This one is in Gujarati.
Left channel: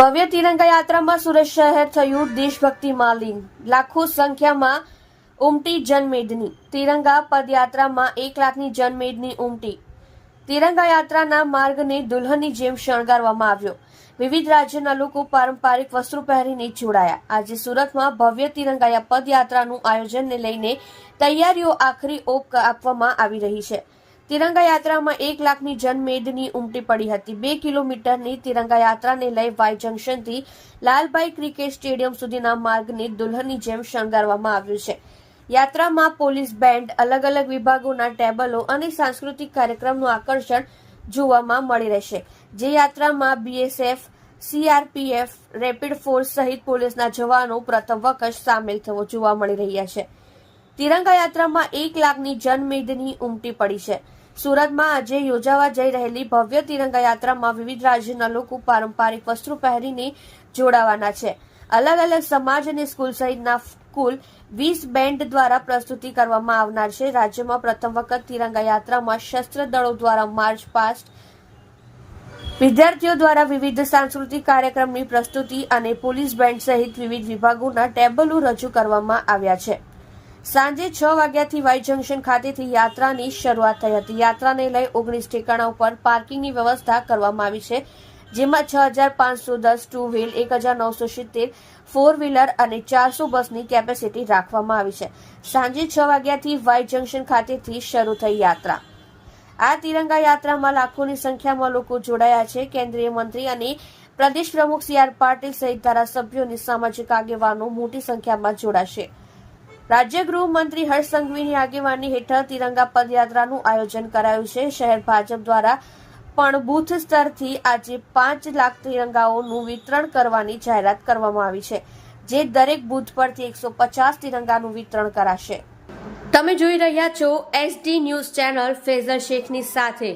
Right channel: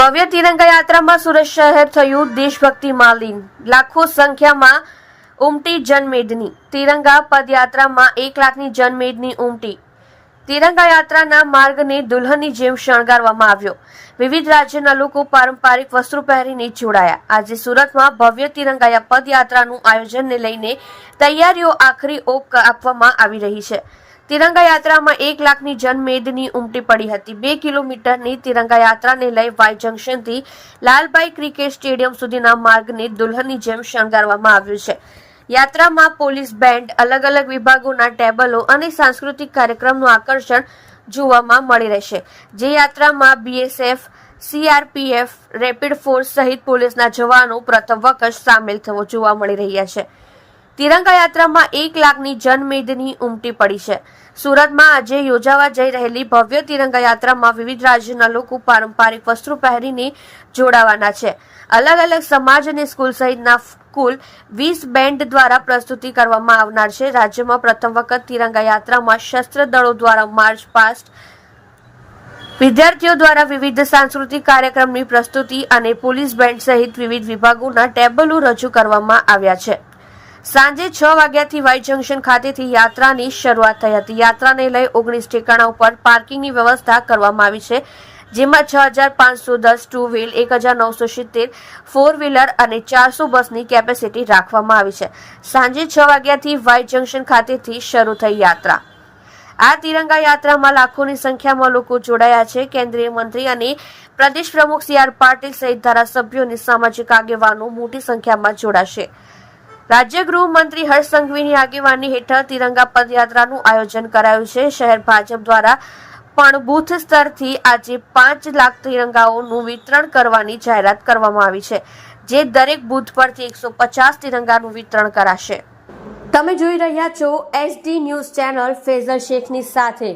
ભવ્ય તિરંગા યાત્રામાં સુરત શહેર થયું દેશભક્તિમાં લીન લાખો સંખ્યામાં ઉમટી જનમેદની. તિરંગા પદયાત્રામાં એક લાખની જનમેદની ઉમટી. તિરંગા યાત્રાના માર્ગને દુલ્હનની જેમ શણગારવામાં આવ્યો. વિવિધ રાજ્યના લોકો પારંપરિક વસ્ત્રો પહેરીને જોડાયા. આજે સુરતમાં ભવ્ય તિરંગા પદયાત્રાનું આયોજનને લઈને તૈયારીઓ આખરી ઓપ આપવામાં આવી રહી છે. તિરંગા યાત્રામાં એક લાખની જનમેદની ઉમટી પડી હતી. બે કિલોમીટરની તિરંગા યાત્રાને લઈ વાય જંકશનથી લાલભાઈ ક્રિકેટ સ્ટેડિયમ સુધીના માર્ગને દુલ્હનની જેમ શણગારવામાં આવ્યું છે. યાત્રામાં પોલીસ બેન્ડ, અલગ અલગ વિભાગોના ટેબલો અને સાંસ્કૃતિક કાર્યક્રમનું આકર્ષણ જોવામાં મળી રહેશે. જે યાત્રામાં બીએસએફ, સીઆરપીએફ, રેપિડ ફોર્સ સહિત પોલીસના જવાનો પ્રથમ વખત સામેલ થવો જોવા મળી રહ્યા છે. તિરંગા યાત્રામાં એક લાખની જનમેદની ઉમટી પડી છે. સુરતમાં આજે યોજાવા જઈ રહેલી ભવ્ય તિરંગા યાત્રામાં વિવિધ રાજ્યના લોકો પારંપરિક વસ્ત્રો પહેરીને જોડાવાના છે. અલગ અલગ સમાજ અને સ્કૂલ સહિતના કુલ વીસ બેન્ડ દ્વારા પ્રસ્તુતિ કરવામાં આવનાર છે. રાજ્યમાં પ્રથમ વખત તિરંગા યાત્રામાં શસ્ત્ર દળો દ્વારા માર્ચ પાસ્ટ વિદ્યાર્થીઓ દ્વારા વિવિધ સાંસ્કૃતિક કાર્યક્રમની પ્રસ્તુતિ અને પોલીસ બેન્ડ સહિત વિવિધ વિભાગોના ટેબલો રજૂ કરવામાં આવ્યા છે. સાંજે છ વાગ્યાથી વાઈ જંકશન ખાતેથી યાત્રાની શરૂઆત થઈ હતી. યાત્રાને લઈ ઓગણીસ ઠેકાણા ઉપર પાર્કિંગની વ્યવસ્થા કરવામાં આવી છે, જેમાં છ હજાર પાંચસો દસ ટુ વ્હીલ, એક હજાર નવસો સિત્તેર ફોર વ્હીલર અને ચારસો બસની કેપેસિટી રાખવામાં આવી છે. સાંજે છ વાગ્યાથી વાઈ જંકશન ખાતેથી શરૂ થઈ યાત્રા. આ તિરંગા યાત્રામાં લાખોની સંખ્યામાં લોકો જોડાયા છે. કેન્દ્રીય મંત્રી અને પ્રદેશ પ્રમુખ સી આર પાટીલ સહિત ધારાસભ્યો અને સામાજિક આગેવાનો મોટી સંખ્યામાં જોડાશે. રાજ્ય ગૃહમંત્રી હર્ષ સંઘવીની આગેવાની હેઠળ તિરંગા પદયાત્રાનું આયોજન કરાયું છે. શહેર ભાજપ દ્વારા પણ બૂથ સ્તરથી આજે પાંચ લાખ તિરંગાઓનું વિતરણ કરવાની જાહેરાત કરવામાં આવી છે. જે દરેક બૂથ પરથી એકસો પચાસ તિરંગાનું વિતરણ કરાશે. તમે જોઈ રહ્યા છો એસડી ન્યૂઝ ચેનલ ફેઝર શેખની સાથે.